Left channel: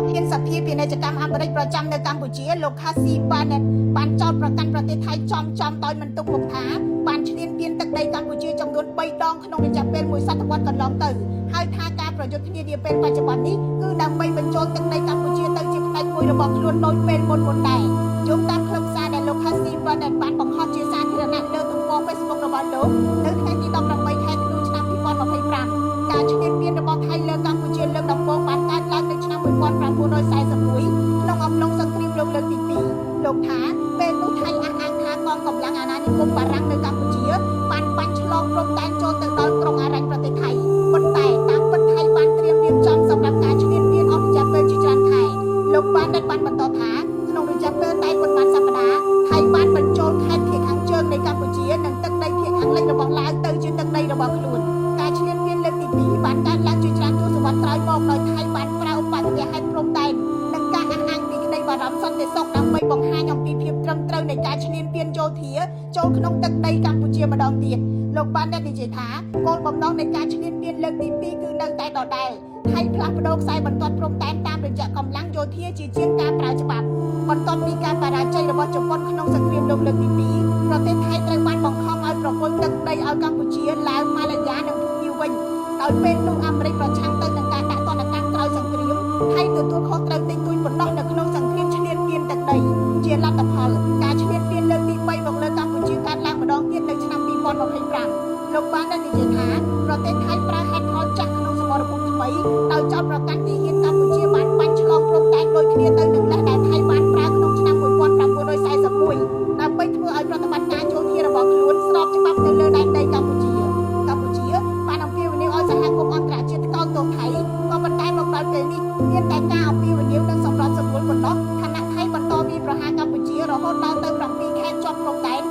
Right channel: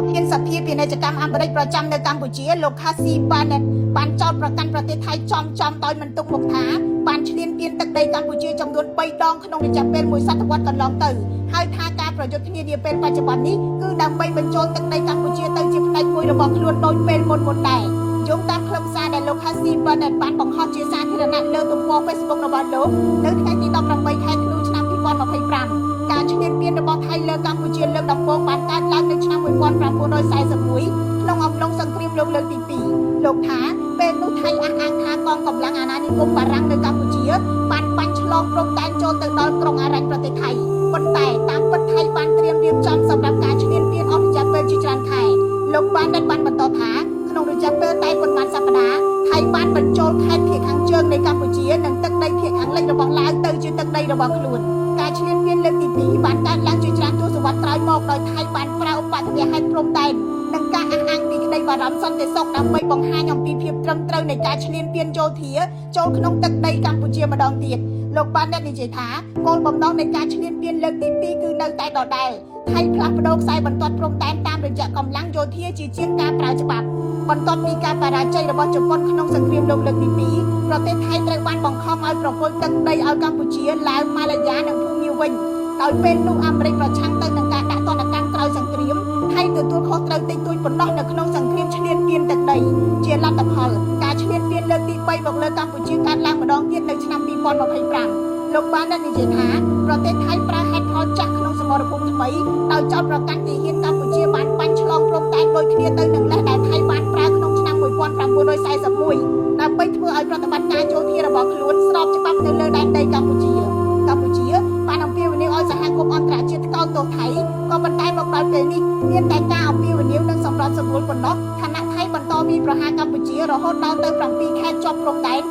ប្រធានសភាពាណិជ្ជកម្មអាមេរិកប្រចាំនៅកម្ពុជាលោក Casey Barnett បានចោទប្រកាន់ប្រទេសថៃចំដោយមិនទុកមុខថាបានឈ្លានពានទឹកដីកម្ពុជាចំនួន3ដងក្នុងរយៈពេល1សតវត្សកន្លងទៅហើយថាការប្រយុទ្ធគ្នានាពេលបច្ចុប្បន្ននេះគឺដើម្បីបញ្ចូលទឹកដីកម្ពុជាទៅជាផ្នែកមួយរបស់ខ្លួនដោយពេលមុនដែរយោងតាមខ្លឹមសារដែលលោក Casey Barnett បានបង្ហោះជាសាធារណៈលើទំព័រ Facebook របស់លោកនៅថ្ងៃទី18ខែធ្នូឆ្នាំ2025ការឈ្លានពានរបស់ថៃលើកម្ពុជាលើកដំបូងបានកើតឡើងនៅឆ្នាំ1941ក្នុងអំឡុងសង្គ្រាមលោកលើកទី2លោកថាពេលនោះថៃអះអាងថាកងកម្លាំងអាណានិគមបារាំងនៅកម្ពុជាបានបាញ់ឆ្លងព្រំដែនចូលទៅដល់ក្រុងអារ៉ាញ់ប្រទេសថៃប៉ុន្តែតាមពិតថៃបានត្រៀមរៀបចំសម្រាប់ការឈ្លានពានអស់រយៈពេលជាច្រើនខែលោកបានបន្តថាក្នុងរយៈពេលតែប៉ុន្មានសប្តាហ៍ថៃបានបញ្ចូលខេត្តភាគខាងជើងនៃកម្ពុជានិងទឹកដីភាគខាងលិចរបស់ឡាវទៅជាទឹកដីរបស់ខ្លួនការឈ្លានពានលើកទី2បានកើតឡើងជាច្រើនទសវត្សរ៍ក្រោយមកដោយថៃបានប្រើឧបទ្ទវហេតុព្រំដែននិងការអះអាងពីក្តីបារម្ភសន្តិសុខដើម្បីបង្ហាញអំពីភាពត្រឹមត្រូវនៃការឈ្លានពានយោធាចូលក្នុងទឹកដីកម្ពុជាម្ដងទៀតលោកបាននិយាយថាគោលបំណងនៃការឈ្លានពានលើកទី2គឺនៅតែដដែលថៃផ្លាស់ប្ដូរខ្សែបន្ទាត់ព្រំដែនតាមរយៈកម្លាំងយោធាជាជាងការប្រើច្បាប់បន្ទាប់ពីការបរាជ័យរបស់ជប៉ុនក្នុងសង្គ្រាមលោកលើកទី2ប្រទេសថៃត្រូវបានបង្ខំឲ្យប្រគល់ទឹកដីឲ្យកម្ពុជាឡាវម៉ាឡាយ៉ានិងភូមាវិញដោយពេលនោះអាមេរិកប្រឆាំងទៅនឹងការដាក់ទណ្ឌកម្មក្រោយសង្គ្រាមថៃទទួលខុសត្រូវតិចតួចប៉ុណ្ណោះនៅក្នុងសង្គ្រាមឈ្លានពានទឹកដីជាលទ្ធផលការឈ្លានពានលើកទី3មកលើកម្ពុជាកើតឡើងម្ដងទៀតនៅឆ្នាំ2025លោកបាននិយាយថាប្រទេសថៃប្រើហេតុផលចាស់ក្នុងសមរភូមិថ្មីដោយចោទប្រកាន់ទាហានកម្ពុជាបានបាញ់ឆ្លងព្រំដែនដូចគ្នាទៅនឹងលេសដែលថៃបានប្រើក្នុងឆ្នាំ1941ដើម្បីធ្វើឲ្យប្រតិបត្តិការយោធារបស់ខ្លួនស្របច្បាប់នៅលើដែនដីកម្ពុជាបានអំពាវនាវឲ្យសហគមន៍អន្តរជាតិថ្កោលទោសថៃក៏ប៉ុន្តែមកដល់ពេលនេះមានតែការអំពាវនាវនិងសម្រាប់សម្រួលប៉ុណ្ណោះខណៈថៃបន្តវាយប្រហារកម្ពុជារហូតដល់ទៅ7ខែជាប់ព្រំដែន